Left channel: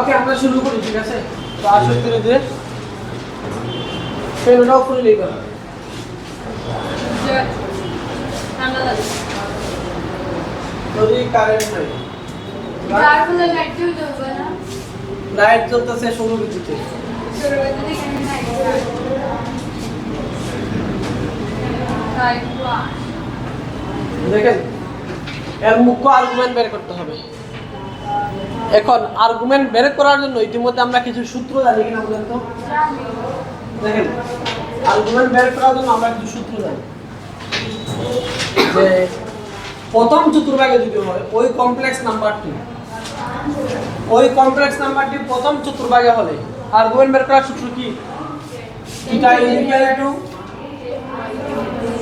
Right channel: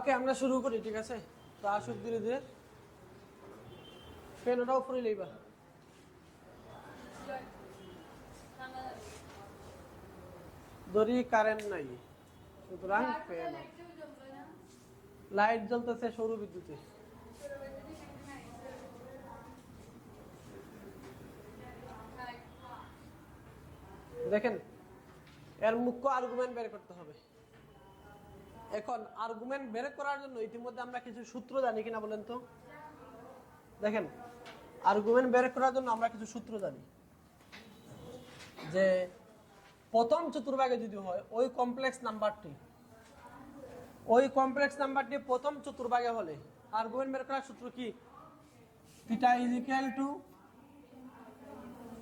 ওকে আমরা শুরু করি, ঠিক আছে? তো আসো ধীরে ধীরে পেনটাও খুলে নিবা। কারেন্ট নাই, লাইট জ্বলতেছে সৌর বিদ্যুতে। দেখেন এর মুখ্য আর্গুমেন্ট বের করতে হবে। এখন আর্গুমেন্ট বের করার জন্য ইতিমধ্যে আমরা কিছু সূত্র জানি কিনা বলেন তো? দেখেন আর্গুমেন্ট বের করার জন্য আমরা কিছু সূত্র জানি যে প্রথম চতুর্ভাগে যদি হয় ওই কমপ্লেক্স নাম্বারটি প্রথম চতুর্ভাগে হলে আর্গুমেন্ট বের করার সূত্র কি? Theta is equal to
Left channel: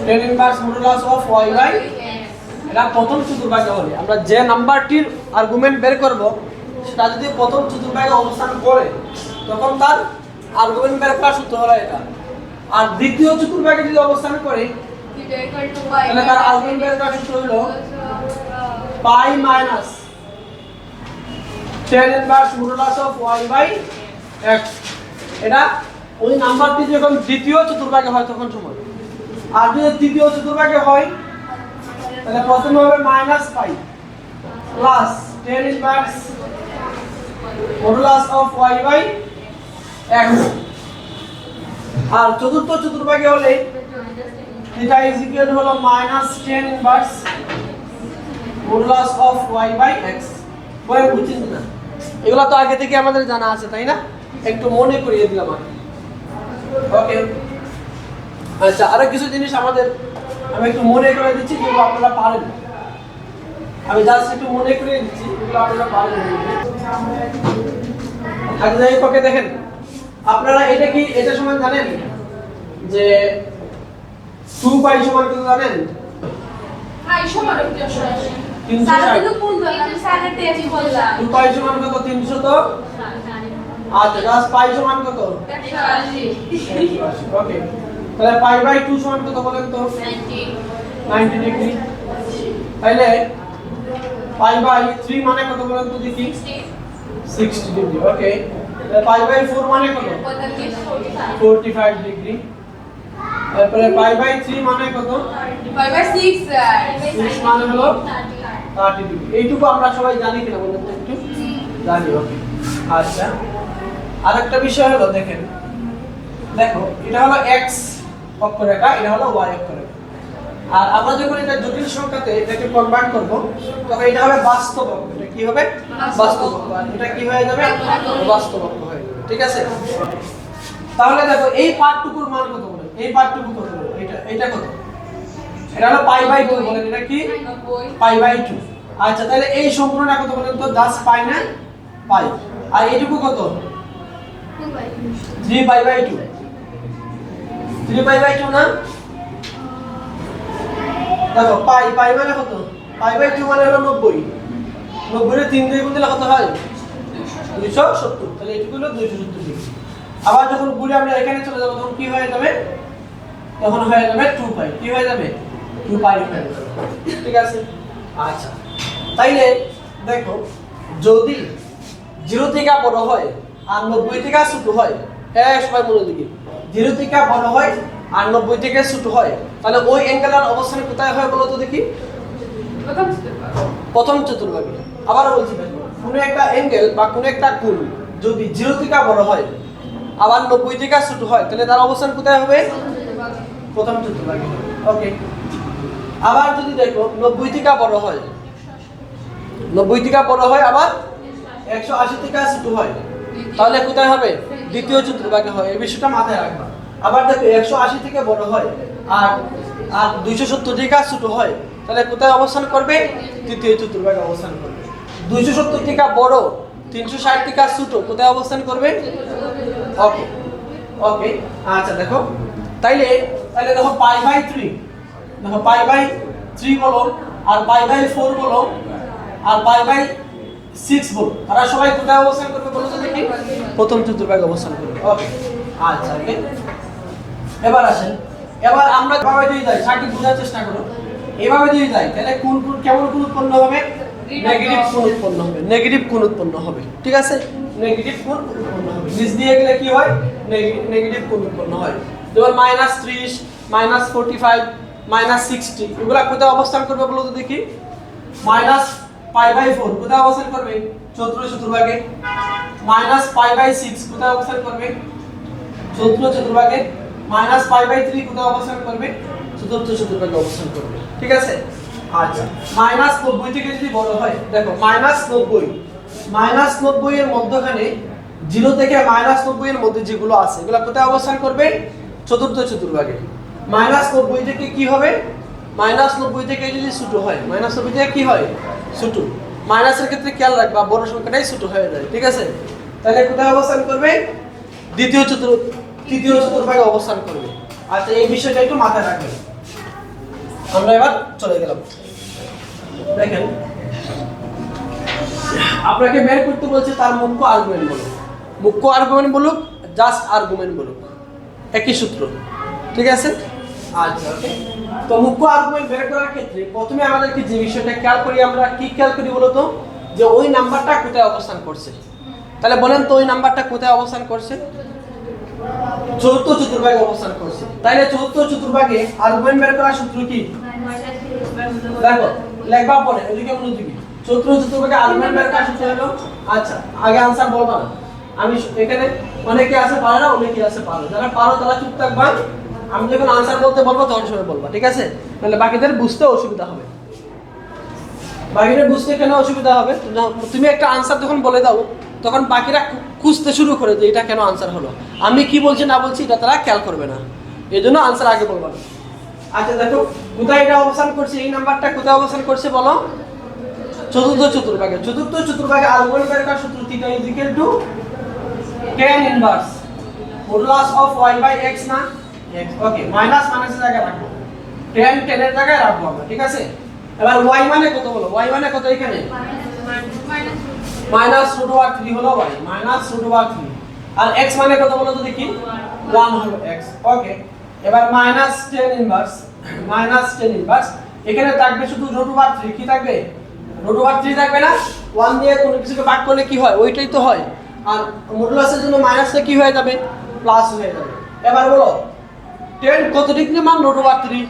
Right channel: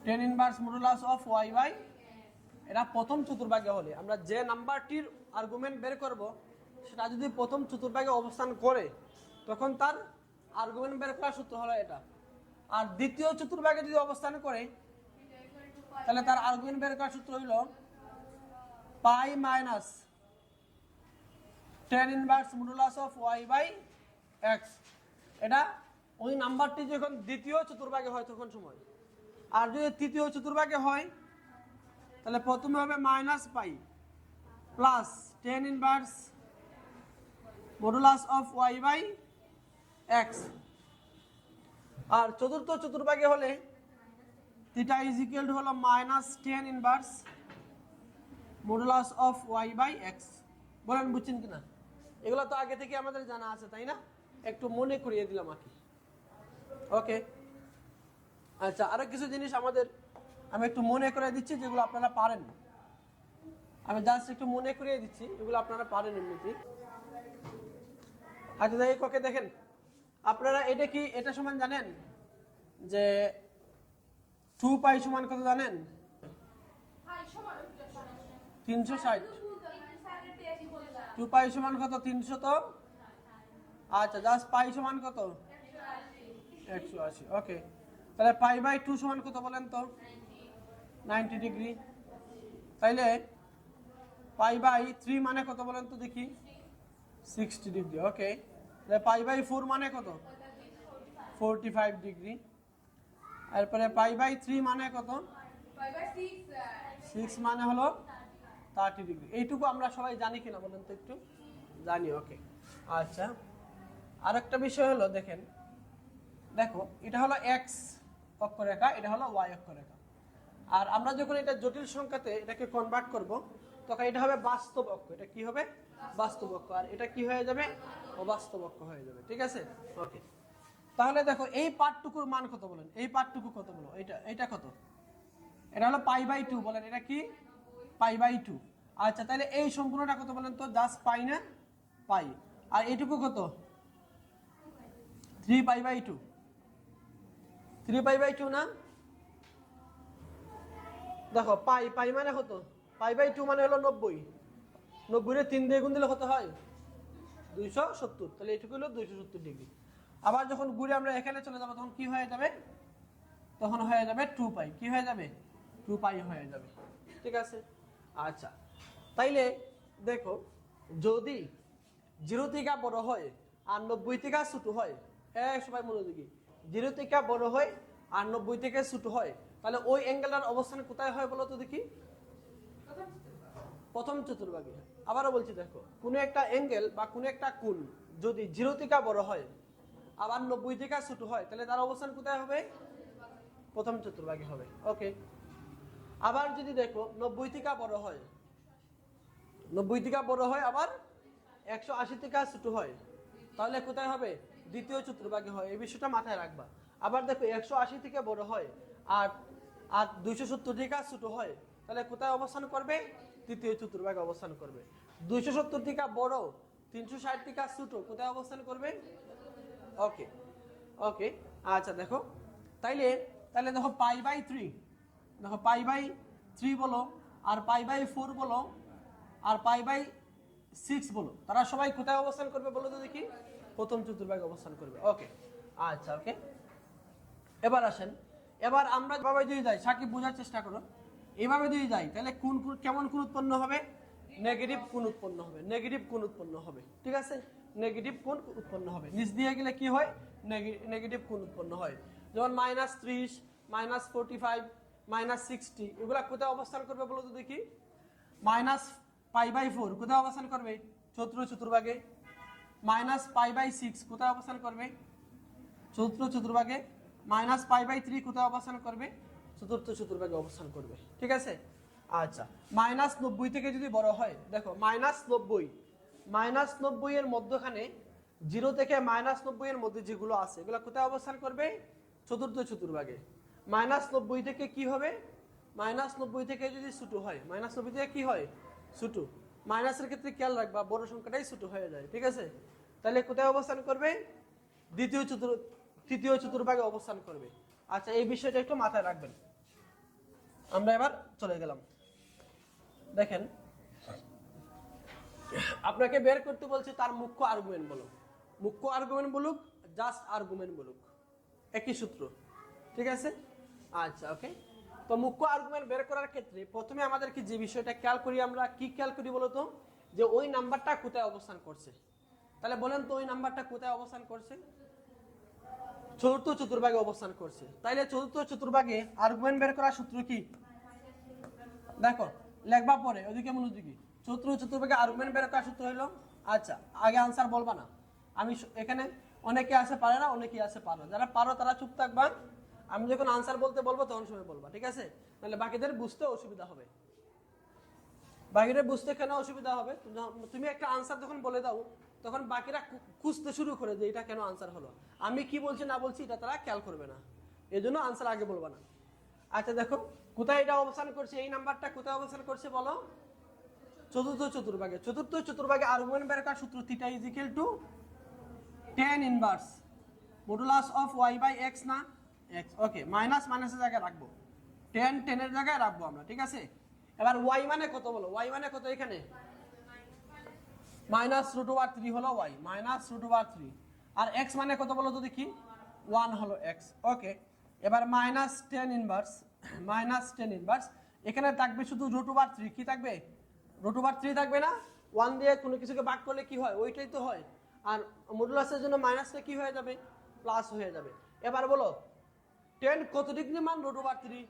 tan inverse modulus of y by, এটা প্রথম চতুর্ভাগে হলে আমরা যে নাম্বারটির আর্গুমেন্ট বের করব সেটা যদি প্রথম চতুর্ভাগে অবস্থান করে তখন তার আর্গুমেন্ট বের করার সূত্র হলো এটা। আর দ্বিতীয় চতুর্ভাগে যদি অবস্থান করে তাহলে তার আর্গুমেন্ট বের করার সূত্র হলো pi minus tan inverse modulus of y by x। এটা ওই নাম্বারটি যখন দ্বিতীয় চতুর্ভাগে হয় তখন সময়। আর যদি তৃতীয় চতুর্ভাগে হয় তাহলে প্রথমে হবে minus pi plus tan inverse modulus of y by x। আর চতুর্থ চতুর্ভাগে হলে থিটা ইজ ইকুয়াল হলো minus tan inverse modulus of y by x। বলে বুঝছেন না? এগুলো তো আগে থেকে আমাদের জানা আছে, তাই না? একটু মনে করিয়ে দিলাম আমি। ওকে, আচ্ছা আরো কিছু জিনিস আমি একটু মনে করে দিচ্ছি যেগুলো আপনারা পারেন। আমি জাস্ট একটু মনে করিয়ে দিচ্ছি যেগুলো আপনারা পারেন। আগে ওকে দেখেন, আপনারা এটা সমান জানেন যে 2 পাই সমান কত জানেন? পাই সমান 360। 2 পাই সমান কত? 300 তো। আচ্ছা জাস্ট পাই সমান কত? 180। ওকে, তাহলে পাই বাই 2 সমান কত বলেন তো? 90 ডিগ্রি। তাহলে পাই বাই 3 মানে কত বলেন তো দেখি? 60 ডিগ্রি। ওকে, তাহলে পাই বাই 4 মানে কত? 45 ডিগ্রি। তারপরে পাই বাই 3 মানে কত? পাই বাই 6 মানে হলো 30 ডিগ্রি। এইটুকু আমরা সবাই জানি কিনা বলেন তো একটু? জানি। ওকে, আচ্ছা আরেকটা বিষয় হলো দেখেন, দেখো এটা হলো x অক্ষরেখা, এটা হলো y অক্ষরেখা। আর আমরা যখন এটা জটিল সংখ্যাতে এটাকে কনভার্ট করব তখন এটা হবে বাস্তব অক্ষ। এটা কি হবে? বাস্তব অক্ষ। আর এটা কি হয়ে যাবে? বাস্তব অক্ষ হয়ে যাবে। ঠিক আছে? তাহলে দেখো এই পার্টটুকুর মান কত বলেন? এই পার্টটুকু কত বলেন? এটা কত? এটা হলো পাই বাই 2 বলেন। এটা কি? Pi by 2। আচ্ছা তাহলে এই সম্পূর্ণটা কত বলেন তো? জাস্ট পাই না পাই। আর এইটুকু কত? 3 পাই বাই 2। 3 পাই বাই 2 না? দেখো পাই মানে কত? পাই বাই 2 মানে হলো 90। 90 এর 3 দিয়ে গুণ দিলে কত হয়? 270। তাহলে এইটুকু হলো 270 ডিগ্রি। আবার যখন ঘুরে আমরা এখানে চলে যাব তখন কি হয়ে যাবে? তখন হয়ে যাবে 2 পাই। কি হয়ে যাবে? 2 পাই হয়ে যাবে। ঠিক আছে? আচ্ছা তাইলে দেখো যদি 0 থেকে বড় হয় আর 90 থেকে ছোট হয়, সবাই মনোযোগী, 0 থেকে বড় হয় আর 90 থেকে ছোট হয়, তাহলে ওই অ্যাঙ্গেলের অবস্থান কোথায় হয় বলো তো দেখি? প্রথম চতুর্ভাগে। আবারও বলছি দেখো, কোনো একটা অ্যাঙ্গেল বা কোনো একটা কোণ যদি 0 থেকে বড় হয় আবার 90 থেকে ছোট হয় তাহলে তার অবস্থান কোথায় হবে? প্রথম চতুর্ভাগে। ওকে, আবার যদি দেখো 90 থেকে বড় হয়, 90 থেকে বড় হয় আবার 180 থেকে ছোট হয়, তাহলে কোথায় হবে? দ্বিতীয় চতুর্ভাগে হয়। এই বিষয়টা মাথায় রাখবা। আবার দেখো 180 থেকে বড় হয় আর 270 থেকে ছোট হয়, তাহলে কোথায় অবস্থান করবে? তৃতীয় চতুর্ভাগে অবস্থান করবে। 270 থেকে বড়, 360 থেকে ছোট, কোথায় অবস্থান করবে? ওকে ওকে, আচ্ছা দেখো তাইলে দেখো পাই বাই 3, দেখো পাই বাই 3 বলো আর পাই বাই 4 বলো আর পাই বাই 6 বলো, তারা সবাই কোথায় অবস্থান করবে বলো তো দেখি? প্রথম চতুর্ভাগে অবস্থান করবে। ওকে, আচ্ছা ওকে, এবার আসেন, এবার আমরা এভাবে দিয়ে যাই, সার্কিট বোঝার চেষ্টা করো। এভাবে দিয়ে যাই তাহলে কোন কেমন কোন উৎপন্ন হবে? নেগেটিভ কোণ উৎপন্ন হবে, নেগেটিভ কোণ উৎপন্ন হবে, ঠিক আছে, নেগেটিভ কোণ উৎপন্ন হবে, নিচ দিয়ে গেলে কি হয়, নেগেটিভ কোণ উৎপন্ন হয়। যেমন -30, -45, -60 এগুলা কোথায় অবস্থান করবে বলো তো দেখি। -π/4 কোথায় অবস্থান করবে, চতুর্থ চতুর্ভাগে। -π/6 কোথায় অবস্থান করবে, চতুর্থ চতুর্ভাগে। -π/3 কোথায় অবস্থান করবে, চতুর্থ চতুর্ভাগে অবস্থান করবে, ঠিক আছে। আচ্ছা, -90 থেকে যদি বড় হয়, দেখো -90 এর মধ্যখানে 0 থেকে -90 এর মধ্যে যেগুলো আছে এগুলো কোথায় অবস্থান করবে, চতুর্থ চতুর্ভাগে। -90 থেকে কি হবে, -90 থেকে যদি ছোট হয়, -90 থেকে কি হয়, ছোট। মাইনাসের ক্ষেত্রে খেয়াল রাখবা বড় সংখ্যাটাই ছোট হয়ে যায়, ঠিক আছে। তাহলে কোথায় অবস্থান করবে, তৃতীয় চতুর্ভাগে অবস্থান করবে। আচ্ছা, এই বিষয়টা একটু মাথায় রাখবেন। আমরা এবার চলে গেলাম, দেখেন আপনাকে বের করতে বলছে তার মুখ্য আর্গুমেন্ট বলুক, মুখ্য আর্গুমেন্ট বলুক, জাস্ট আর্গুমেন্ট বলুক, একই সূত্র, ঠিক আছে। আচ্ছা, ওকে। তো মুখ্য আর্গুমেন্ট বের করার ক্ষেত্রে প্রথমে আমাদেরকে যে বিষয়টা খেয়াল করি, আমরা কি খেয়াল করি বলতো, যে ওই নাম্বারটা কোথায় অবস্থান করছে। তাহলে বলেন তো ওই নাম্বারটা কোথায় অবস্থান করছে, চতুর্থ চতুর্ভাগে অবস্থান করছে। তাইলে চতুর্থ চতুর্ভাগে আর্গুমেন্ট বের করার সূত্র কি, দেখো লেখবা পরে এদিকে মনোযোগী। চতুর্থ চতুর্ভাগে আর্গুমেন্ট বের করার সূত্র হলো, আচ্ছা আগে आंसर বলবা না, আমি এখানে অনেকে আছে পারে না, অনেকে আছে পারে, যারা পারো তারা চুপ থাকবা, আমি যখন आंसर বলতে বলবো তখন সময় বলবা, ঠিক আছে। তাহলে বাকিদের বুঝতে অসুবিধা হবে, বাকিদের বুঝতে কেন অসুবিধা হবে, তুমি একটা आंसर যখন বলে দাও তখন বাকিরা খুঁজতে শুরু করে যে এটা কেন आंसर হলো, আমি কি বলছি না বলছি এটা তারা খেয়াল করবে না, এজন্য आंसर আগে বলবা না। আচ্ছা দেখো কোথায় এটা অবস্থান করছে, এই নাম্বারটা কোথায় অবস্থান করছে বলো, চতুর্থ চতুর্ভাগে। চতুর্থ চতুর্ভাগে আর্গুমেন্ট বের করার সূত্র theta is equal to tan inverse modulus of y/x না x, ওকে, মাইনাস মাইনাসের জায়গায় রাখবো, tan এর জায়গায় রাখবো আমরা, ঠিক আছে। এবার y মানে কত হলো, y মানে কত এখানে, -√3 হলো y, -√3, আর x মানে কত বলো তো দেখি, 1 হলো x, ওকে। এবার -tan ইনভার্স, এখানে থাকবে শুধু √3, কি থাকবে, √3 থাকবে না, 1 দিয়ে কোনো কিছুকে ভাগ করলে কি হয় ওইটাই তো হয়, আর মডুলাসের জন্য মাইনাসটা কি হয়ে যাবে, প্লাস হয়ে যাবে। এবার বলো tan কত ডিগ্রি মান, √3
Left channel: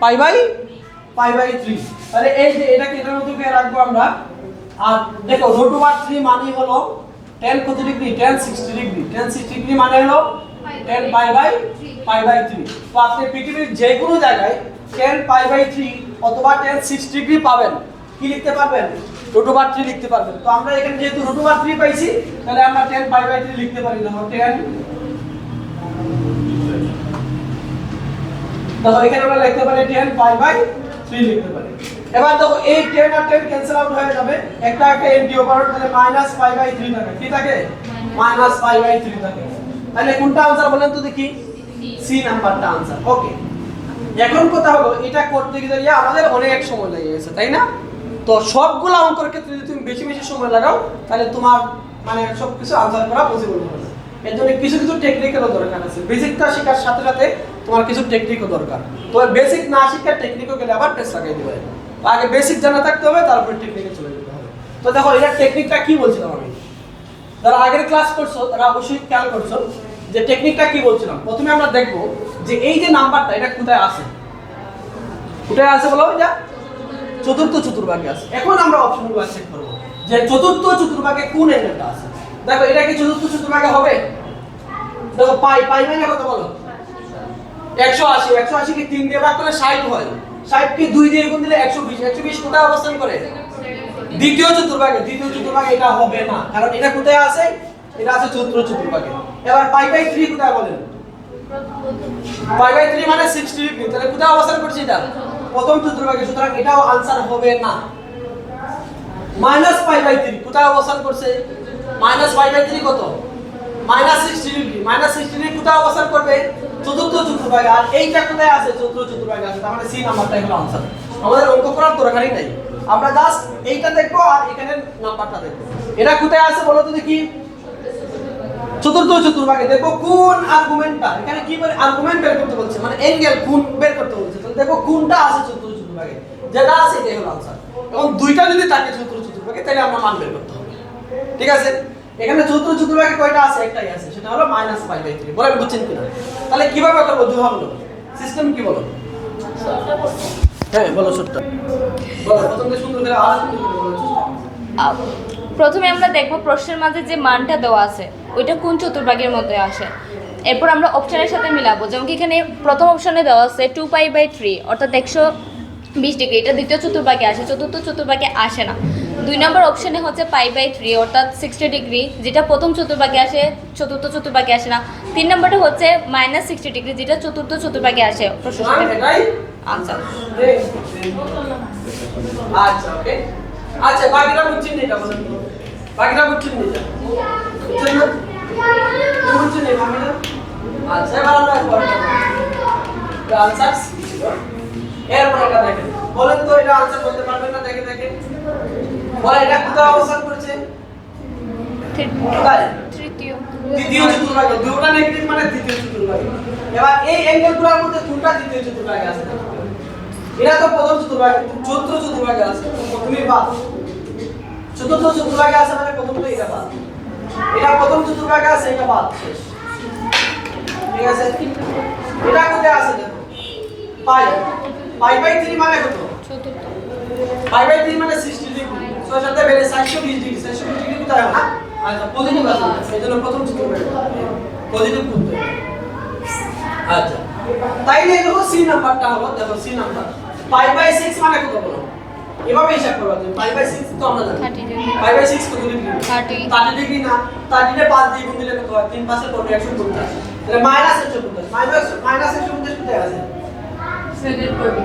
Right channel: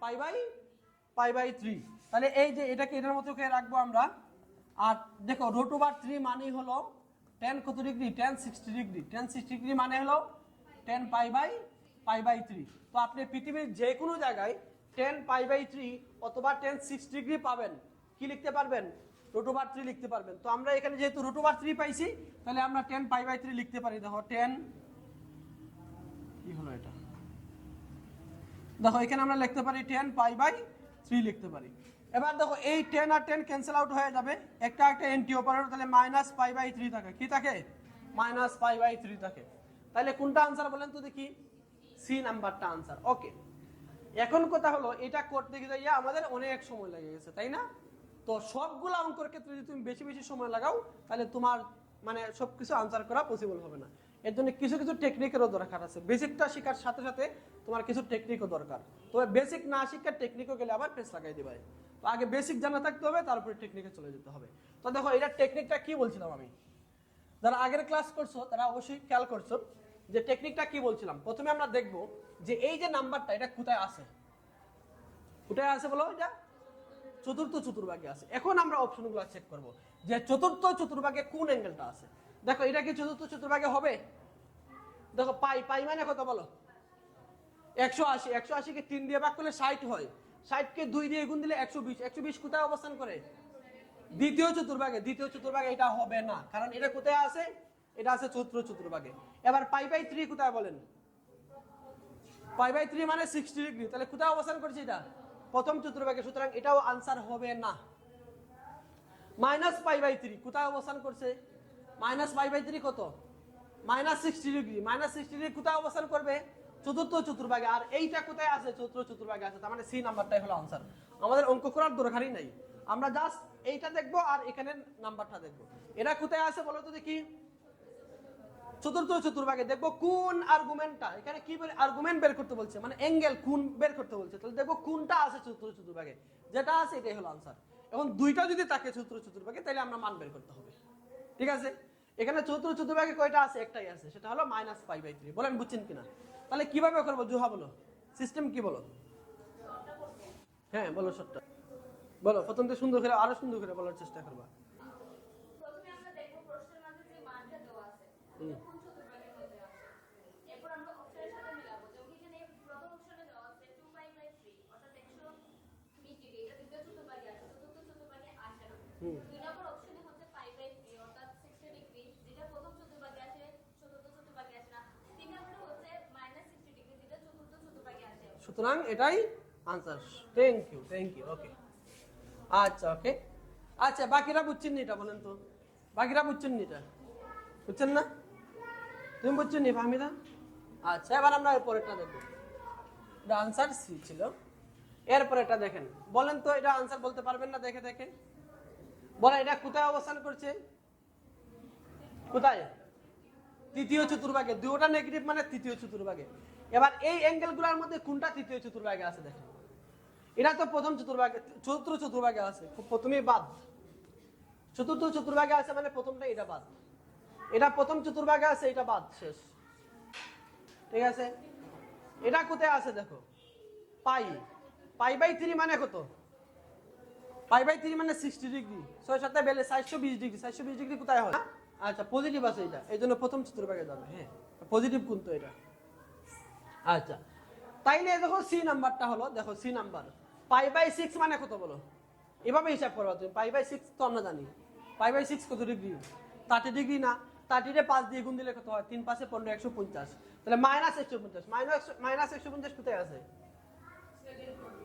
π/3, তাহলে এই যে এটাকে এটার মধ্যে কে রাখবো আমরা, আর দেখো √3 মানে হলো tan কত degree, tan 60 degree, tan 60 degree মানে হলো tan π/3। তো আপনি পৃথিবীর যে কোনো জায়গায় tan π/3 অথবা tan 6 ডিগ্রি পাবেন, কি লিখতে পারবেন, √3 লিখতে পারবেন। তো আমরা এখানে যেহেতু √3 পাইছি তাহলে আমরা tan π/3 লিখতে পারি, দেখো tan, দেখো এখানে আমরা লিখতে পারি tan π/3 লিখতে পারি। এবার দেখো এই 10 আর 10 ক্যান্সেল আউট হয়ে যাবে, একটা এন্টি ওভার, তাহলে -π/3 থাকে, কি থাকে, -π/3 থাকে। তাহলে কোনটা आंसर বলেন তো দেখি, সি নাম্বারটা आंसर, ওকে। এখন কথা হলো এটা করতে গিয়ে আমাদের অনেক সময় লেগে গেছে, তাই না। তো সবগুলো অঙ্কের ক্ষেত্রে যদি তুমি বেশি বেশি সময় লাগাও তাহলে তোমার মানে সবকিছু आंसर করা পসিবল হবে না। এর জন্য কিছু কিছু টেকনিকেরও দরকার আছে, বেসিকটা শেখার সাথে সাথে তোমার কিছু টেকনিকও দরকার। তো বেসিক না শিখে টেকনিকও গেলে আবার টেস্ট লাগাই দিবে, তো আগে বেসিক জানা থাকতে হবে, তারপর টেকনিকে চলে যেতে হবে। তো দেখো এটা টেকনিকটা কি বলছিলাম আমি, যারা আগের ক্লাস করছো তারা অবশ্যই খেয়াল করছো যে টেকনিকটা কি বলছিলাম। প্রথমে আমরা দেখব যে এই যে নাম্বারটা এটা কোথায় আছে, কোথায় আছে বলো, এটা চতুর্থ চতুর্ভাগে আছে। এখন আমরা অপশনগুলো চেক করব যে চতুর্থ চতুর্ভাগে কোন অ্যাঙ্গেলটা আছে। দেখো এটা কি চতুর্থ চতুর্ভাগে হবে, দেখো পাই মানে কত বলো, 180 কে 3 দিয়ে ভাগ করলে 60 হয়, 60 কে 2 দিয়ে গুণ দিলে 120 কোথায় অবস্থান করে, দ্বিতীয় চতুর্ভাগে। এটা হবে না, কারণ এটা কোথায় আছে, এটা আছে চতুর্থ চতুর্ভাগে। এবার π/3 কোথায় বলেন, π/3 মানে 60 ডিগ্রি, তাহলে কোথায় অবস্থান করছে, এটা প্রথম চতুর্ভাগে, সুতরাং এটাও आंसर হবে না। -π/3 কোথায় অবস্থান করছে, -π/3 কত, -60 ডিগ্রি, -60 ডিগ্রি কোথায় অবস্থান করবে, চতুর্থ চতুর্ভাগে, আর এইটা কোথায় আছে, চতুর্থ চতুর্ভাগে আছে, তার মানে সি নাম্বারটাই হলো आंसर। আমাদের অঙ্ক করার দরকারই নাই, আমরা জাস্ট এইটা দেখবো আর এখানে নাম্বারটা দেখবো। এটা কোথায় আছে বলো তো দেখি, চতুর্থ চতুর্ভাগে। দেখো কোন আর্গুমেন্টটা, এখানে কি বলে আর্গুমেন্ট বের করতে বলছে, মানে অ্যাঙ্গেল কোণ বের করতে বলছে। তাহলে দেখো কোনটা আছে চতুর্থ চতুর্ভাগে, যেটা আছে এটাই হলো आंसर। এবং দুইটা যদি থাকে চতুর্থ চতুর্ভাগে তাহলে আমরা মান বের করতে হবে। ঠিক আছে, এখানে চতুর্থ চতুর্ভাগে কয়টা আছে? একটাই আছে, সেটা হলো -π/3। বলেন বুঝছেন কিনা? তাহলে কিভাবে করব দুভাবে? সিস্টেম কি বলো? হ্যাঁ বলো সত্যি বলো, প্রথমে সুন্দর করে আরো সুন্দর করে বলো চেষ্টা। প্রথমে আমরা দেখব প্রশ্নের মাঝে যে মানটা দেওয়া আছে ওইটা কোন চতুর্ভাগের মধ্যে আসে। এরপর আমরা অপশনের সাথে মিলাবো। যেমন কি এখানে প্রথম অপশনে দেওয়া আছে 2π/3 অর্থাৎ 120 ডিগ্রি, এটা দ্বিতীয় চতুর্ভাগে আসে, চতুর্থ চতুর্ভাগে আসে না। 2 নম্বর অপশনে হচ্ছে π/3 অর্থাৎ 60 ডিগ্রি, যেটা প্রথম চতুর্ভাগে আসে, চতুর্থ চতুর্ভাগে আসে না। 3 নম্বরটা হচ্ছে -60 ডিগ্রি, যেটা চতুর্থ চতুর্ভাগে আসে। প্রশ্নের সাথে এটাই আনসার। আচ্ছা ওকে, আচ্ছা বাকিরা বুঝছেন না? এটা বলেন, বাকিরা বুঝছেন না? এটা বুঝছেন না? তুমি বুঝছেন না বাকিরা? আচ্ছা এবার আমরা আনসার ছিল। এরপর এটা দেখেন, বলেন তো এটা আনসার বলতে পারবেন না? দেখে দেখেন বলেন এটা কোথায় অবস্থান করছে? কোথায়? তৃতীয় চতুর্ভাগে। দুটো নেগেটিভ মানে তৃতীয় চতুর্ভাগে। এবার এই অ্যাঙ্গেলগুলোর মধ্যে কোনটা তৃতীয় চতুর্ভাগে আছে? এরা তো প্রথম চতুর্ভাগে, চতুর্থ চতুর্ভাগে আছে, প্রথমেই বাদ। চতুর্থ চতুর্ভাগে আছে মানে প্রথমটা এটা বাদ। এটা প্রথম চতুর্ভাগে আছে, এটা বাদ, শেষ। ঠিক আছে, এটা কোথায় আছে দেখো? π/3 মানে কত? চতুর্থ। π/3 মানে 60 ডিগ্রি। 6 সাথে বেড়ে 420 ডিগ্রি। 420 ডিগ্রি কোথায় হয়? আচ্ছা পজিটিভ আছে, এজন্য প্রথম চতুর্ভাগে পজিটিভ করতে হবে। আচ্ছা তাইলে দেখো সি নাম্বারটা হলো, দেখো সি নাম্বার π/6 মানে কত বলো? এভাবে হিসাব করবা তুমি। π/6 তো আমরা জানি 30 ডিগ্রি। π/6 কত ডিগ্রি? 30 ডিগ্রি না, 30 তে 5 দিয়ে গুণ দিলে কত হয়? 3 5 এর পরে 150। তাহলে -150 -150 কোথায় আছে? সেকেন্ড করবে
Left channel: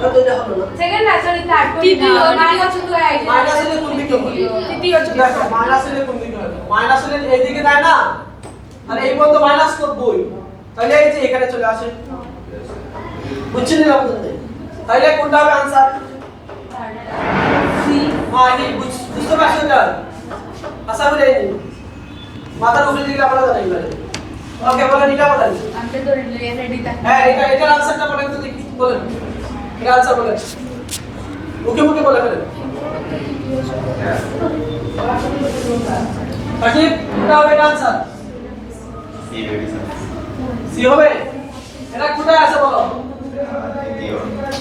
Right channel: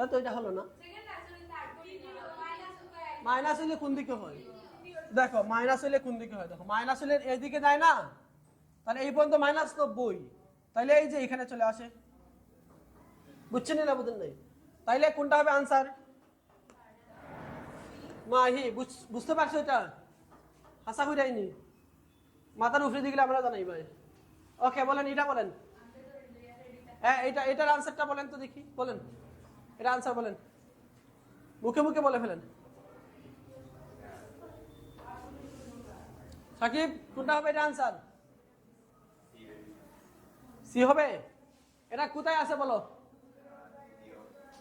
তো এটা হলো না। সেকেন্ড না সরি থার্ড করবে তৃতীয়, মাইনাস তো আই মাইনাস এর কোন দিকে হবে? তৃতীয় দেখো মাইনাস এর কোন দিকে হবে? মাইনাস এর এই দিকে তাই না? তাহলে এই পর্যন্ত মাইনাস করবই, তাহলে এই যে এখানে চলে আসে। বুঝছেন না বলতে? তাহলে কোনটা হবে आंसर? সি মানে বুঝতে পারছেন না? আশা করি এই মাথার উপরে দিকে আমরা জানাই বলে। ওকে বলেন এটা বলেন। আমি তো রেডি থাকি হ্যাঁ এটার आंसरটা বলেন তো দেখি, বলেন। এর आंसर বলেন। মুখে মুখে বলে ফেলেন। বাকি কোনটা হবে आंसर? সি হবে। এটা কোথায় আছে বলো?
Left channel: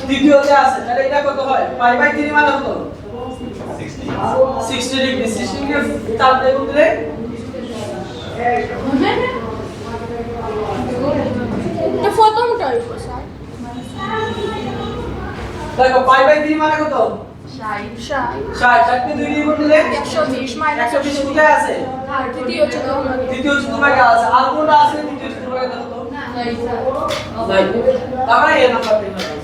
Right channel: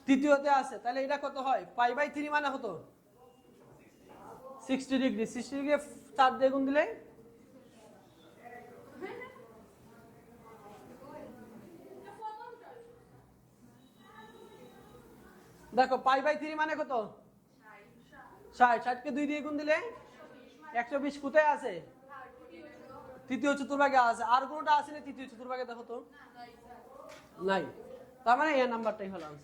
দ্বিতীয়তে আছে। তাহলে এটা কত হয়? π/3 মানে কত? 60 ডিগ্রি। 60 ডিগ্রি 4 দিয়ে গুণ দিলে এটা প্রথমটা হইব স্যার দেখো π/3 মানে কত? 60 60 দিয়ে 2 দিয়ে গুণ দিলে 120 মাইনাস 120 কোথায় আছে? তৃতীয় চতুর্ভাগে দ্বিতীয় চতুর্ভাগে আছে। আর কোনটা আছে দ্বিতীয় চতুর্ভাগে দেখো তো? নাই। তাহলে এই নাম্বারটা হবে।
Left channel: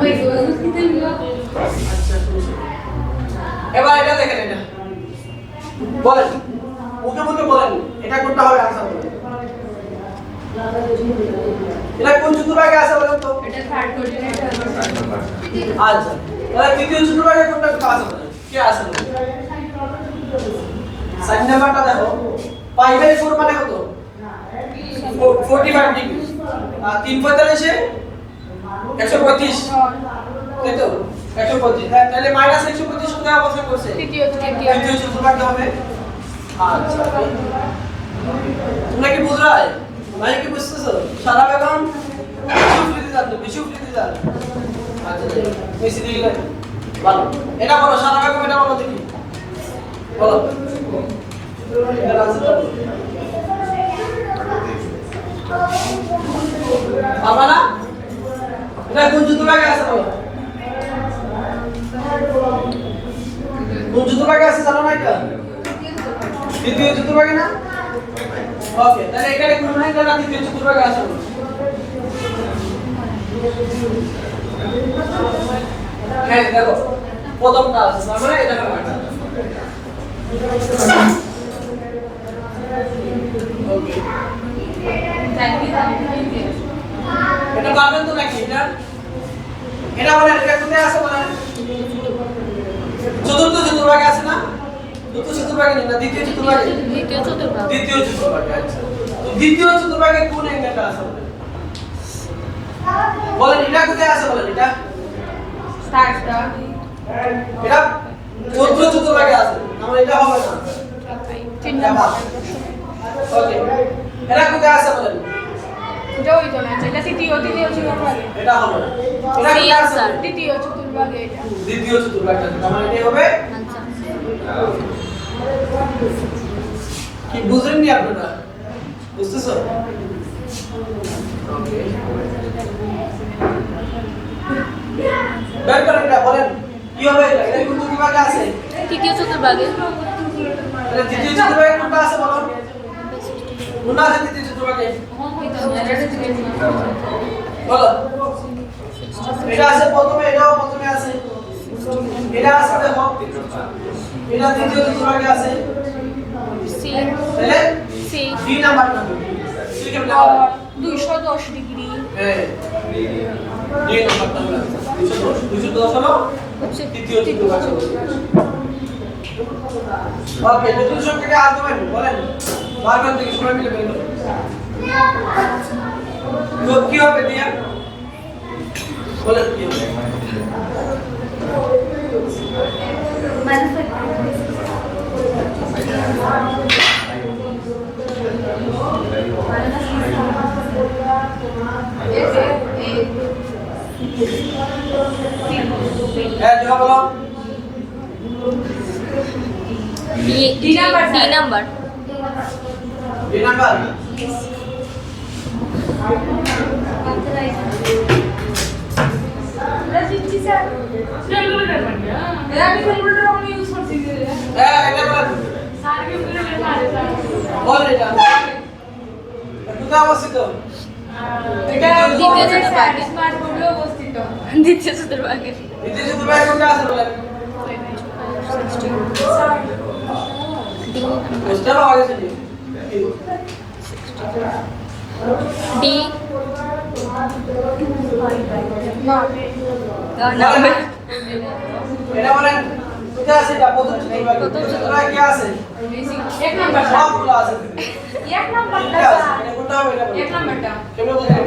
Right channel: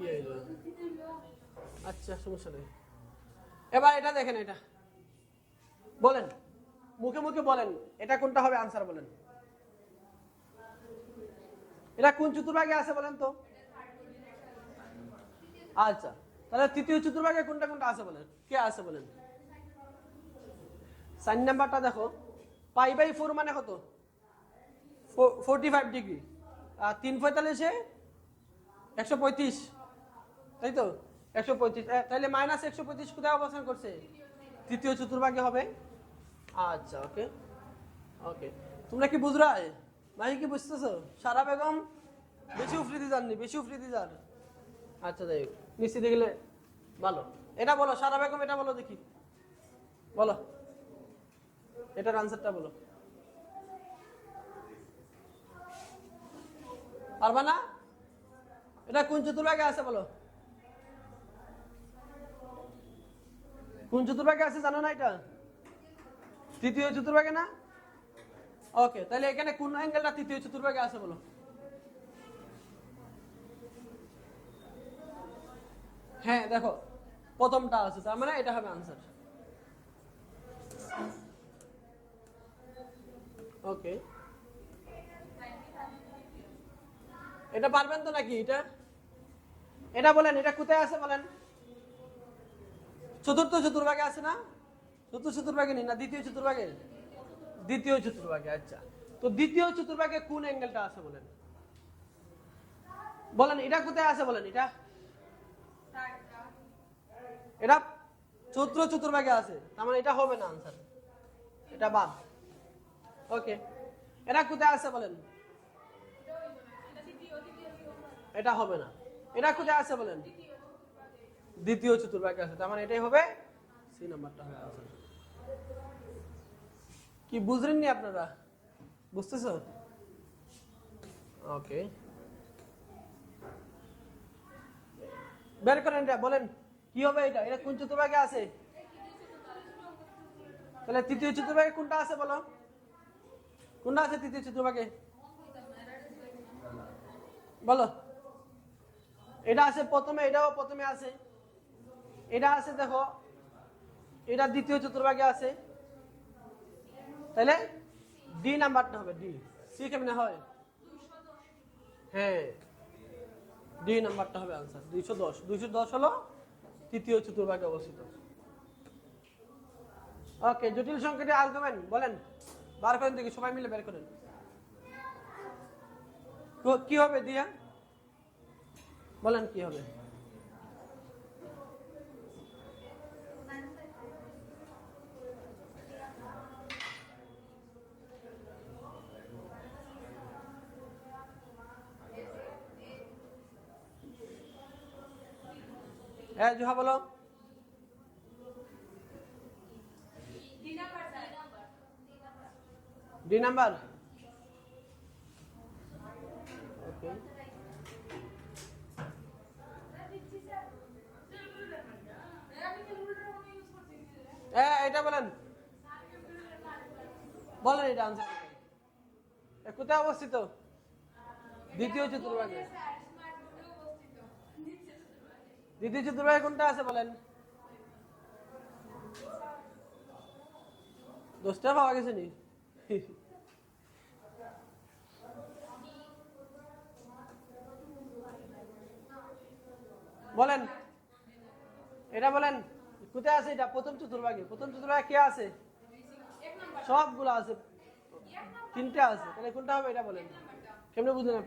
ওই দুটো আচ্ছা এবার এটা দেখেন, এটা বলেন, মুখে মুখে বলেন এটা কোনটা হবে आंसर বলেন। এটা কোন চতুর্ভাগে আছে বলেন তো? এটা থার্ড কোঅর্ডিনেট আচ্ছা তাহলে তৃতীয় চতুর্ভাগে কোনটা আছে বলেন? কি আছে বলেন? সাইন নাম্বারটা দেখো। π/4 মানে কত? 45 ডিগ্রি। আর 3/45 এ 135, তাই তো? 135। তাহলে -135 কোথায় অবস্থান করছে? তৃতীয় তৃতীয় চতুর্ভাগে হবে। আচ্ছা তোমরা কি বুঝ রहा है? ভাই কি বুঝতেছো? সারা বেগম বিশু ফ্রিতে যান। আচ্ছা মেসি দিলে ভালো। এটা বলো সারা বেগম, এটা বলো দেখি, বলো। এটা आंसर বলো। পারবা না? এটা কোন চতুর্ভাগে আছে বলো? কোন চতুর্ভাগে আছে জানো না এটা? তৃতীয় চতুর্ভাগে না? ওকে তাহলে এখানে কোন ভাগে না তৃতীয় চতুর্ভাগে আছে বলো? হ্যাঁ দেখো প্রথমটা আছে, তার মানে এটা হবে। ওকে এটা পারবেন তো নাকি? এটা বলেন এটা কোথায় আছে বলেন? চতুর্থ চতুর্ভাগে আছে না? চতুর্থ চতুর্ভাগে না, দ্বিতীয় চতুর্ভাগে? দ্বিতীয় চতুর্ভাগ। দ্বিতীয় চতুর্ভাগে। আচ্ছা তো দ্বিতীয় চতুর্ভাগে কোন অ্যাঙ্গেলটা আছে বলেন? বলেন এটা কোথায় আছে বলেন এটা স্টার্টটা এটা 14 চতুর্ভাগে আছে তাহলে এটা হবে না 3 নাম্বার ওকে এটা কোথায় আছে বলেন এটা ওই তো না এটা তৃতীয় চতুর্ভাগে এটা হবে না এটা সি কোথায় আছে আনসার দ্বিতীয় চতুর্ভাগে এটা দ্বিতীয় চতুর্ভাগে আছে তাহলে এটাই হবে আনসার কি বুঝেননি আপনারা বুঝতেছো ওকে বের করেন এটা বলেন কি হবে এটা এটা কোন চতুর্ভাগে আছে তৃতীয় চতুর্ভাগে এটা দ্বিতীয় চতুর্ভাগে কোনটা আছে বলো কোনটা আছে দ্বিতীয় চতুর্ভাগে বলো এটা আছে প্রথমে এটাও প্রথমে আছে এটা আছে দেখো এটা দ্বিতীয় চতুর্ভাগে আছে সি তাহলে সি 3 নাম্বার নাম্বার সি কেমনে হবে 210 ডিগ্রি হ্যাঁ 2 নাম্বার নাম্বার 210 হলো হচ্ছে তৃতীয় চতুর্ভাগে ওকে নতুন সংখ্যাকে আর্গুমেন্ট বলেন বারবার থেকে সময় মিলে বের করুন তো কি হবে দিয়া বলেন কি হবে হ্যাঁ যেটা বলো ডি নাম্বার এই নাম্বার হ্যাঁ এটা বলেন বল এটা কোথায় অবস্থিত দ্বিতীয় চতুর্ভাগে স্মার্ট বোর্ডে অবস্থিত দ্বিতীয় চতুর্ভাগে দ্বিতীয় চতুর্ভাগে কোনটা আছে বলেন বুঝতে পারা গেছে নি ডি এটা বলেন কোথায় আছে এটা প্রথম চতুর্ভাগে প্রথম চতুর্ভাগে কি আছে এক নাম্বার সবগুলো আছে এক নাম্বারটা এটা আছে এটা কোনটা হবে এটা বলেন এক নাম্বারটা কেমনে বুঝলেন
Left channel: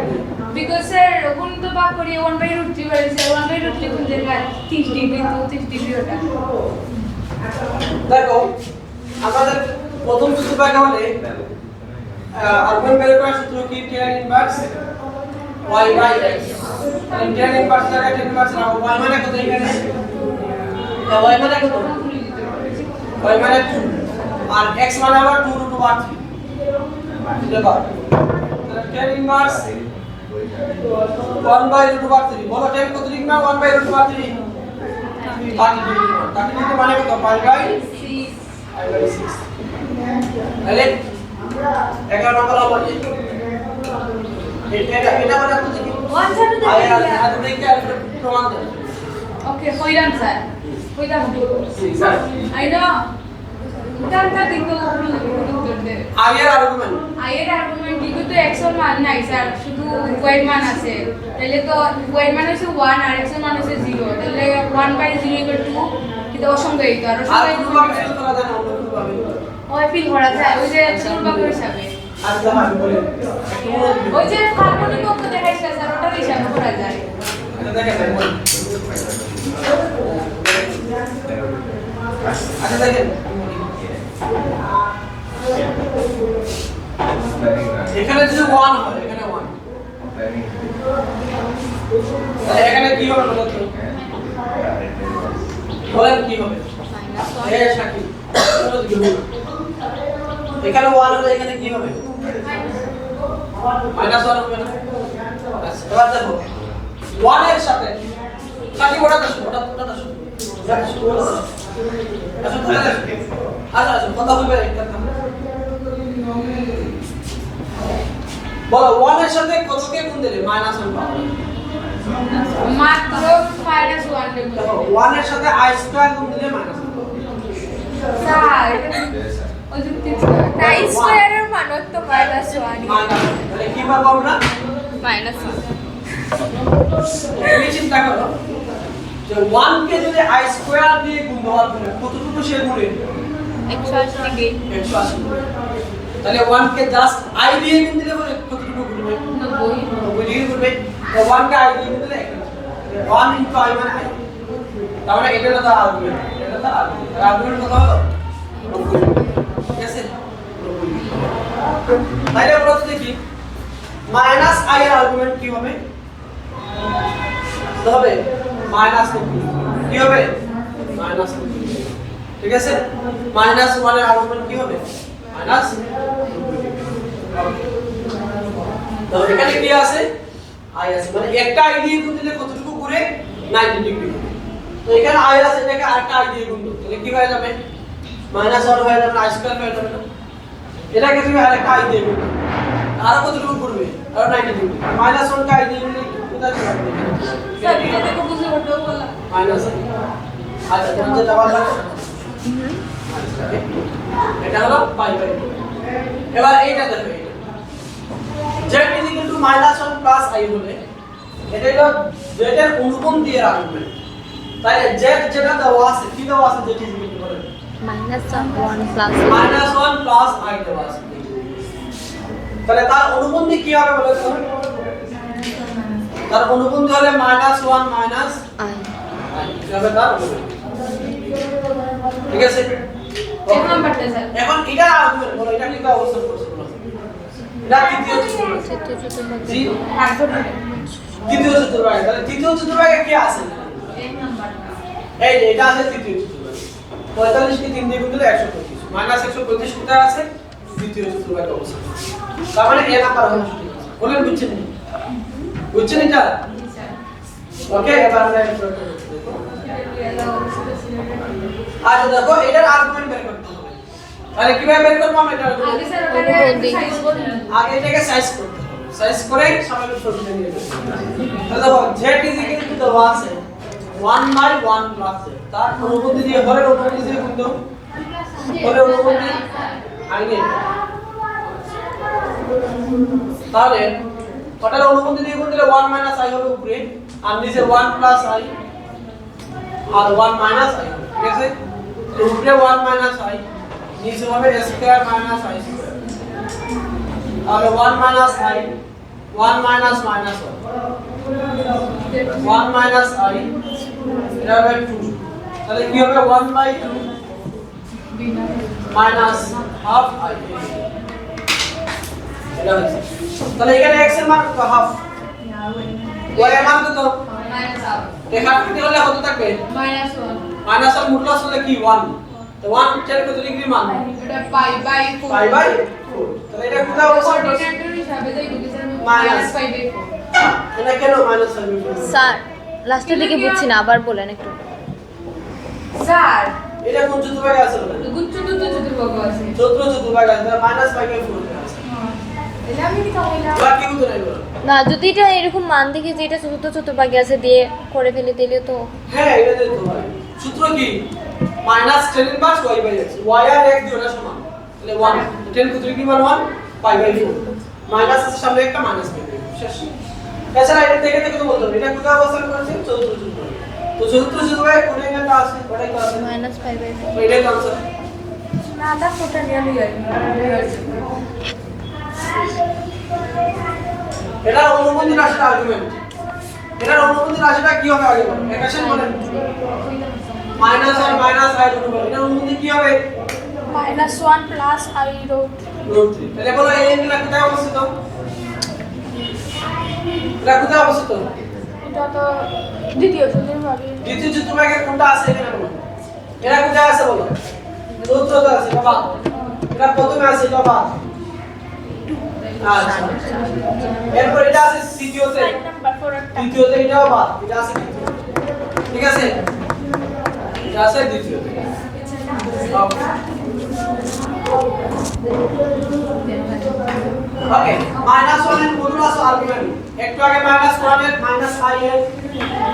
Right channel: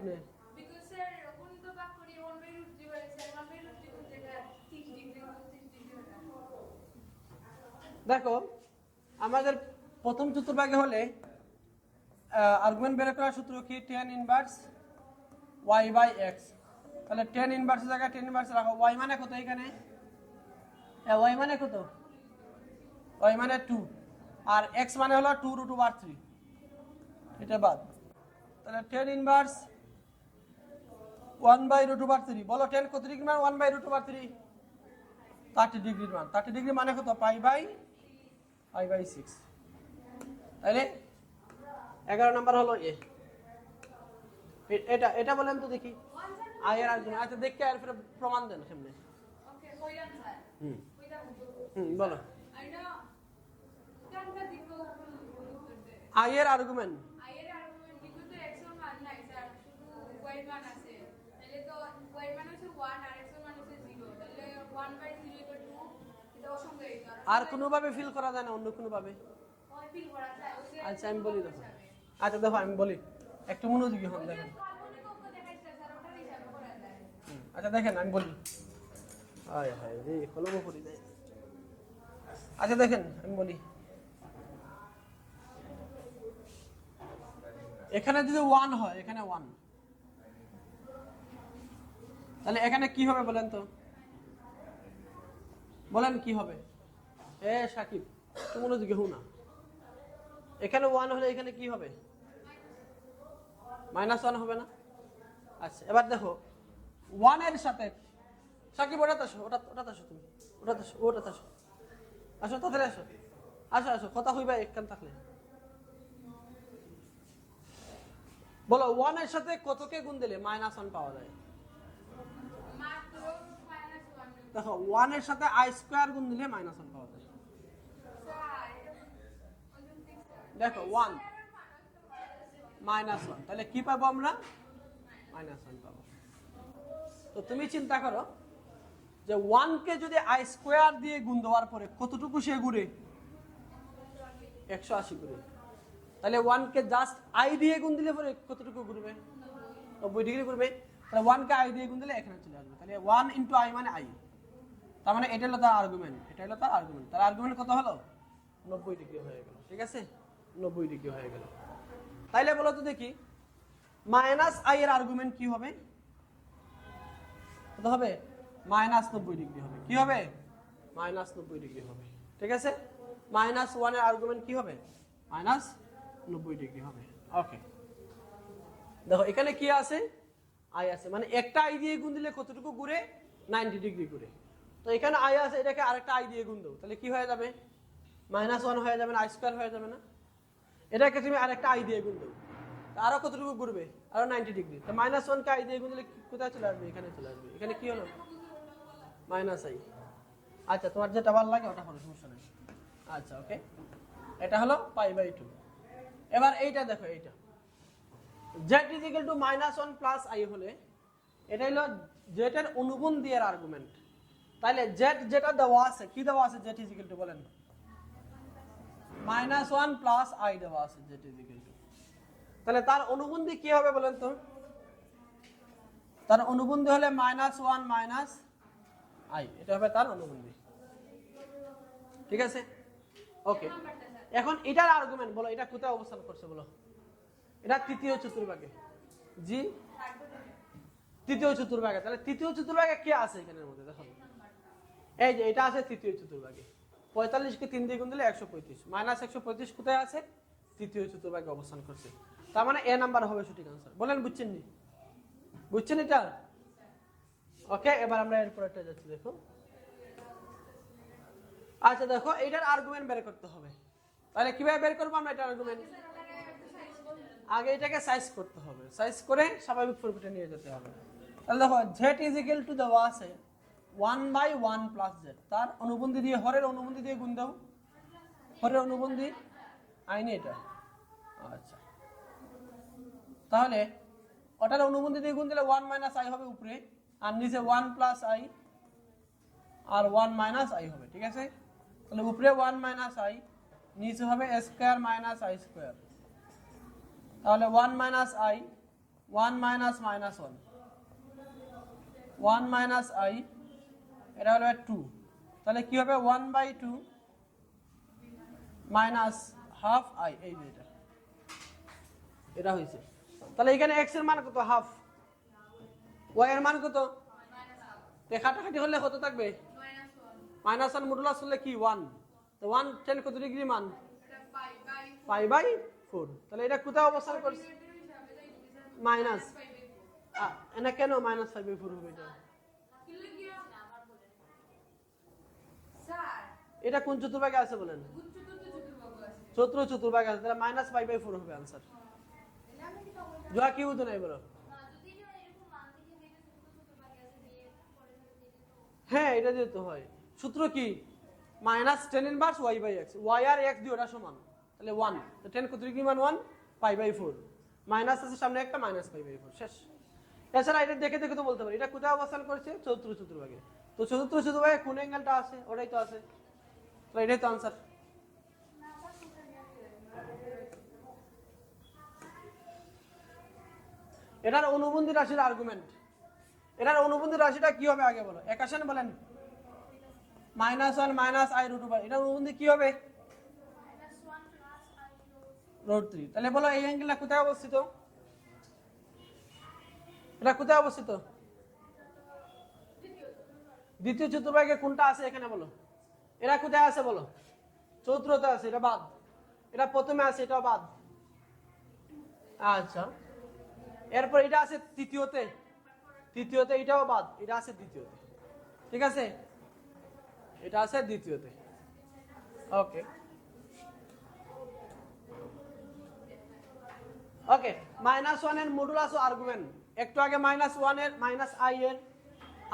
বিকজ স্যার কোন তো ভাগ করি 1/√3 বাড়িছে 1/√3 কোন জায়গা 30 ডিগ্রি তো 30 ডিগ্রি ওটা দেখো আমাদের প্রথম চতুর্ভাগে হলে আর্গুমেন্ট বের করার সূত্র কি tan inverse y by x tan inverse জায়গায় tan ইনভার্স রাখো y মানে কত এখানে y মানে কত y মানে 2 আর x মানে আবার 2√3 দেখো tan ইনভার্স 1/√3 বলো tan কত ডিগ্রি না 1/√3 30 ডিগ্রি মানে কত pi বাই 6 তাহলে 11 নম্বর হবে এটা মানে কত কি আর দেখে আর প্রমাণ দেন ওকে কইরাম স্যার কইরাম স্যার আই নো উত্তরটা কিন্তু উত্তর দে আগের আর্গুমেন্ট আয়ের আর্গুমেন্ট কিন্তু তো x এর মান নাই স্যার শুধু y এর মান আছে তাহলে তো y এর মান হচ্ছে 1 আর x এর মান হচ্ছে 0 তাহলে 1/0 2 কিন্তু অসংখ্যায়িত আর আর অসংখ্যায়িত পুরো ভাবে ফেল করা যায় না অন্য পুরো ভাবে ওই ফিল করা যায় ওই যে চতুর্ভাগ হিসাবে আর দাম আমি বলি একটু মনোযোগ দিন ওই যে কাল্পনিক অঙ্ক দেখাইছে স্যার ওটার হিসাবে করা যায় এটা দেখেন আচ্ছা দেখেন এখানে যদি 1 হয় এখানে 1 তাহলে এখানে কি হবে বলতো বলেন কি হবে এই শাকিব এখানে 1 হলে এখানে কি হবে মাইনাস 1 হবে না আচ্ছা এবার দেখো 1 এর সাথে শাকিব ওটা দাও ওটা দাও আচ্ছা কথা বলবে একটা বলো 1 এর সাথে কতকে গুণ দিলে মাইনাস 1 পাবো মাত্র -1 দেব দেখো 1 এর সাথে i স্কয়ার গুণ দিলে মাইনাস 1 পাবো স্যার ওই যুক্তি তাই স্কয়ারের মান তো মাইনাস 1 মাইনাস তাহলে কি পাবো আমরা মাইনাস 1 তুমি চিন্তা করো যে 1 কে যদি i স্কয়ার দিয়ে গুণ দেওয়ার পরে কতটুকু সে গুণে 180 ডিগ্রি 180 তাহলে 1 কে জাস্ট i দিয়ে গুণ দিলে পরে কতটুকু গুণবে 90 90 ডিগ্রি গুণবে তো 1 কে i দিয়ে দিলে 1 ইনটু i মানে i, তার মানে এটা হলো আর্গুমেন্ট, এটা হলো আর্গুমেন্ট। আর আর্গুমেন্ট কত হলো 90, ঠিক আছে। তাহলে আমরা তো দেখি মাইনাস i এর আর্গুমেন্ট কি হবে, তো হবে মাইনাস 90, কি হবে মাইনাস 90, ঠিক আছে। মাইনাস 1 এর আর্গুমেন্ট কি হবে মাইনাস 90। তো এখানে কি আছে i আছে, মানে একটা i দিয়ে গুণ দিলে কতটুকু ঘুরে 90 ডিগ্রি। তো এখানে i আছে, এটাকে আরেকটা i দিয়ে গুণ দাও, তাহলে কি হয়ে যাবে মাইনাস 1 হয়ে যাবে, i স্কয়ার হয়ে যাবে না। এটাকে তুমি আরেকটা i দিয়ে গুণ দাও, আর কতটুকু ঘুরবে আর 90 ডিগ্রি। মাইনাস 1 কে i দিয়ে গুণ দিলে কোথায় যাবে স্যার এটা দেখো বুঝে করতে বলা মাইনাস, আচ্ছা তুমি যেটা বললে এটা হলো পাই বাই 2। এবার এইটা দেখো, z -1 i হলে এটা হলো z এর অনুপাত দিয়ে রাখবেন। তাহলে z যেটা দেওয়া আছে কি দেওয়া আছে, z বলে -1 প্লাস -1 প্লাস i দেওয়া আছে, তাহলে তার অনুপাত কি হবে বলে তো, তার অনুপাত হলে -1 মাইনাস i i হবে তার অনুপাত, ঠিক আছে। এক নাম্বারটা স্যার এখন এটা আর্গুমেন্ট বলো, এটা কি অবস্থান করছে বলো, এটা তৃতীয় চতুর্ভাগে, জি তৃতীয় চতুর্ভাগে। তাহলে তৃতীয় চতুর্ভাগে কি আছে, এক নাম্বারটা এই যে এটা আছে তৃতীয় চতুর্ভাগে, 45 কে 3 দিয়ে গুণ দিলে 125, -125 কোথায় আছে তৃতীয় চতুর্ভাগে অবস্থান। তার মানে এ নাম্বার হলো সঠিক। বলেন বুঝছেন নি, বুঝছেন এটা, ওকে। এবার আমরা এটা করতে দেখো, আচ্ছা দেখো এটার আর্গুমেন্ট বের করতে হবে। তাহলে কিভাবে বের করব আমরা এটা আগে স্যার ওটাকে সাইজ করুন, আগে এটাকে সাইজ করতে হবে, সাইজ করে সবাইকে সবটা নিয়ে যাবে। তাহলে দেখো z দেওয়া আছে 1/1 প্লাস z, তার অনুপাত দিয়ে হরের অনুপাত দিয়ে গুণ দাও, হরের অনুপাত দিয়ে i নিয়ে, তাহলে ওটার অনুপাত দিয়ে গুণ দিলে 1 মাইনাস i হবে উপরে, আর নিচে 1 প্লাস i আর 1 মাইনাস i, ঠিক আছে। তো উপরে 1 মাইনাস i, নিচে হবে a square minus i square, তাহলে 1 minus i 1 minus minus 1 minus i, এটা হবে 2, তাহলে কি হবে 1/2 মাইনাস হাফ i, এটা হচ্ছে। তাহলে এখানে x এর মান কত হাফ, y এর মান কত মাইনাস আপ দেখা করতে হলে কত থাকবে -1 মাইনাস আর মডুলাস হলে কি 1, তো 1 এর কত ডিগ্রি মান এটা পাই বাই 4 পাই বাই 4, তাহলে এটা কোথায় অবস্থান করছে কোঅর্ডিনেটর হিসাবে যাই দিতে স্যার Minus. -5/4 এটা কেন মাইনাস হবে স্যার লাস্টের দিকে বুঝছি না, আবার বলেন একটু। স্যার এটা কোন চতুর্ভাগে আছে বলেন, গুচ্ছ দুটো চতুর্ভাগ আছে চতুর্ভাগে আছে, -5/4 আছে, এটা আমি কি কইলাম এবার কি উত্তর আইলো না, যদি এটা এরকম মান দেখি যে এটা চতুর্থ চতুর্ভাগে আছে দিয়ে করে ফেলে দিলে তো হ্যাঁ এটা দিতে পারে। সূত্র কি -10 ইনভার্স y/x, y আর x দুটোটা সমান, তাহলে 1 10 কত ডিগ্রি মান 1 π/4, মাইনাস আছে সামনে একটা মাইনাস পাবে শেষ। এছাড়া এটা দেখে দেখে তো বলতে হবে এটা কোথায় অবস্থান করেছে চতুর্থ চতুর্ভাগে, তো চতুর্থ চতুর্ভাগে কোন অ্যাঙ্গেলটা আছে ওটাই তো আছে, -5/4 তো এটাই তো আনসার। না দা ফোটা নিয়ে লই এটা অনুবন্ধী রাশির আর্গুমেন্ট, এটার অনুবন্ধী রাশিটা কি হবে আগে বলেন, ইকুয়েশন বলেন মাইনাস আর মাইনাস i অনুবন্ধী, এটার অনুবন্ধী কি হবে -1 প্লাস i রুট √3, তাহলে বলো এই অ্যাঙ্গেলটা কোথায় অবস্থিত, এটা কোথায় অবস্থিত এটা তো দ্বিতীয় চতুর্ভাগে দ্বিতীয় চতুর্ভাগে কোনটা আছে এখানে বলো, এরা কোথায় আছে বলো চতুর্থ আছে এটা বাদ, এটা প্রথমে আছে এটা বাদ, আচ্ছা এরপর এটা আছে তৃতীয়তে, নাম্বার 4 তৃতীয়তে এটাও বাদ, এটা আছে তৃতীয়, ঠিক আছে এটা আছে দ্বিতীয়তে, ওকে। -1 এর মডুলাস আর্গুমেন্ট, একটু আগে -1 এর -i এর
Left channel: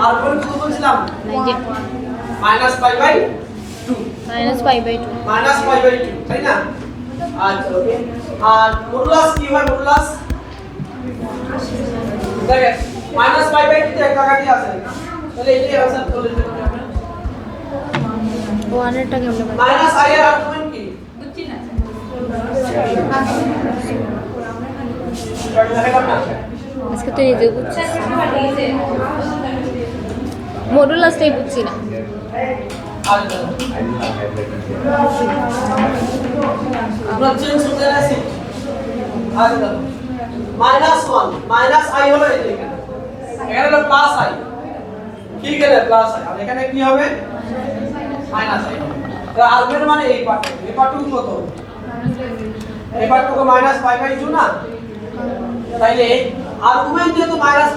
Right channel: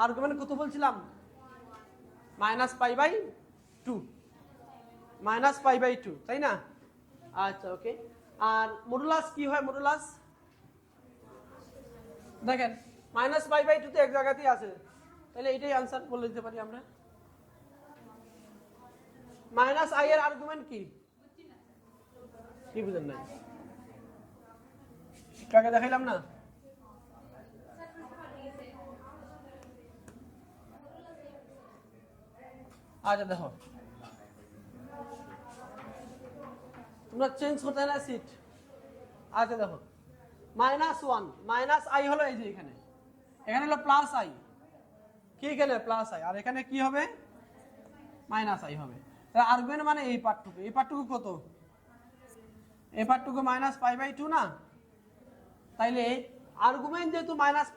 আর্গুমেন্ট কত বলছিলাম -π/2, -5/2 তাই না, আচ্ছা ওকে। আর মডুলাস কি হয় মডুলাস দেখেন -π/2 তে একটা কাটি আছে, তাহলে এটাই आंसर বলে দিতে হবে আমরা। 1 এরটা কেমনে বলেন? -i এর আর্গুমেন্ট কি বুঝছি না এটা দেখালাম না, আজকে তো এই যে বুঝছি মডুলাসটাই বুঝছি না। আর দেখো আমরা চেঞ্জ করতে যাচ্ছি। আর দেখো -1 মাইনাস i হলো এই যে এখানে, এখানে হলো প্লাস i, কি গেলে প্লাস i, আর এখানে কি হবে মাইনাস i। তাহলে আলফার মানে এই পার্টটুকু কত, এই পার্টটুকু -π/2 না, তাইলে আর্গুমেন্ট যেহেতু -π/2,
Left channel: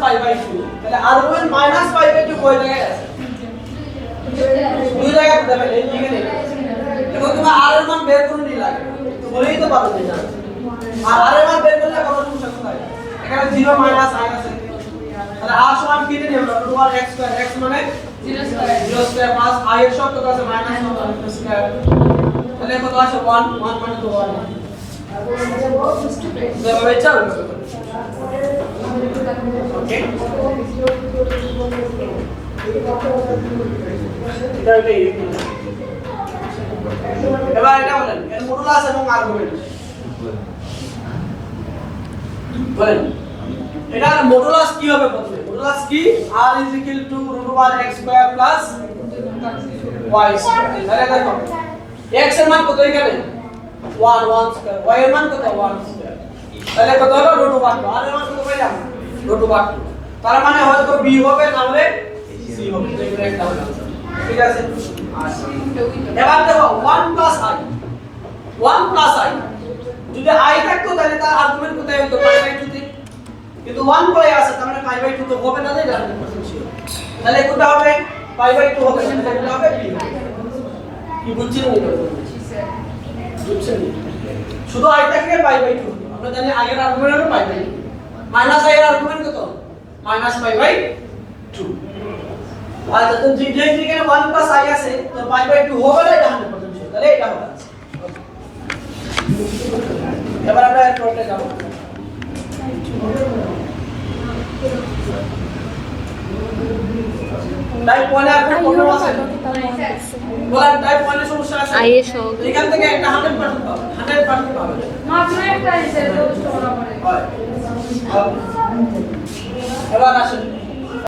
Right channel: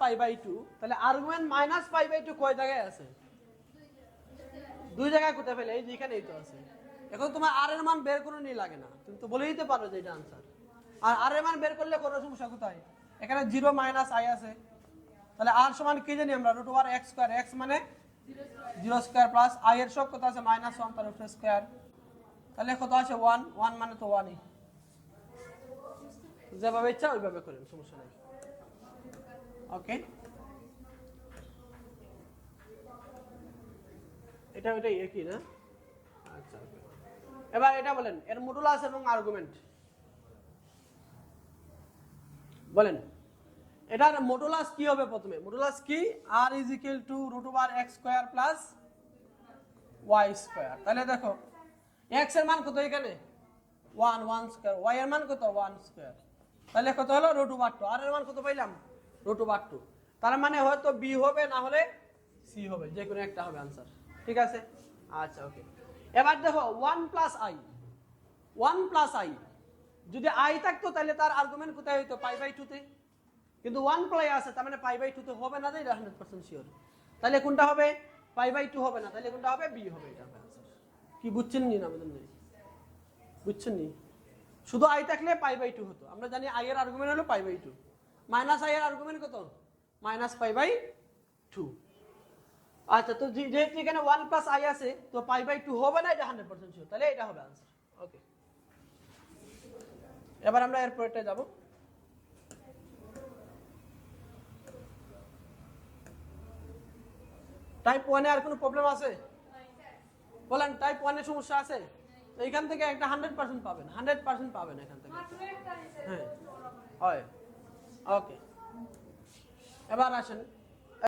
তাহলে আর্গুমেন্ট -π/2 কয় জায়গায় আছে, দুই জায়গায় দেবেন এই এখানে। দেখো তোমার r এর মান বের করে নি লাগে তো বলেই তো পারবে না, আর r এর মান বের করলে কত সমস্যা কোথায়, এখানে 0 - i আছে, তাহলে r সমান কি নিয়ে আমরা √x স্কয়ার, x মানে 0 স্কয়ার 0 স্কয়ার প্লাস i এর সব কত আছে -1 স্কয়ার, তাহলে কত আসে 1 মানে তো 1 যেভাবে চাও ওকে। এটা হইলো এই। এবার এটা বলেন এর মডুলাস এবং আর্গুমেন্ট বলেন, এটার মডুলাস কি হবে প্রথমে, মডুলাস কি r √x² y²। তাহলে দেখো x এর মান কত এখানে 1 স্কয়ার, y এর মান কত 1 স্কয়ার, তাহলে কত হলো √2, r এর মান কত পাইলাম √2, তার মানে হয়তো b হবে না হলে c হবে, এটা একটা হলো ঠিক আছে। এবার দেখো 1 + i, যদি i থাকতো তাহলে তার আর্গুমেন্ট কোথায় হতো π/2 তে, কিন্তু 1 পরে আছে তার মানে π/2 তো হবে না, তাই না, তাহলে কোনটা হবে π/2 হবে না, তাহলে কোনটা হবে b। কি বুঝছেন নি বুঝছেন, শুধু i থাকলে π/2, আমরা জানি i এর আর্গুমেন্ট হলো π/2, মাইনাস i এর আর্গুমেন্ট কত -π/2। আর যত যেখানে 1 + i আছে তো π/2 হবে না, এটা 100% শিওর, তাহলে এটা হবে। এবার আমরা এর পরে যাব, টাইপ 1 এর একটা প্রবলেম আছে, বলেন টাইপ 1 এর সমস্যা আছে, i এর সহগ এখান থেকে একটা 100% পাবে, 100% পাবে মাত্র একটা হিসেবে তো পড়া পড়ে হয়। এবার আসেন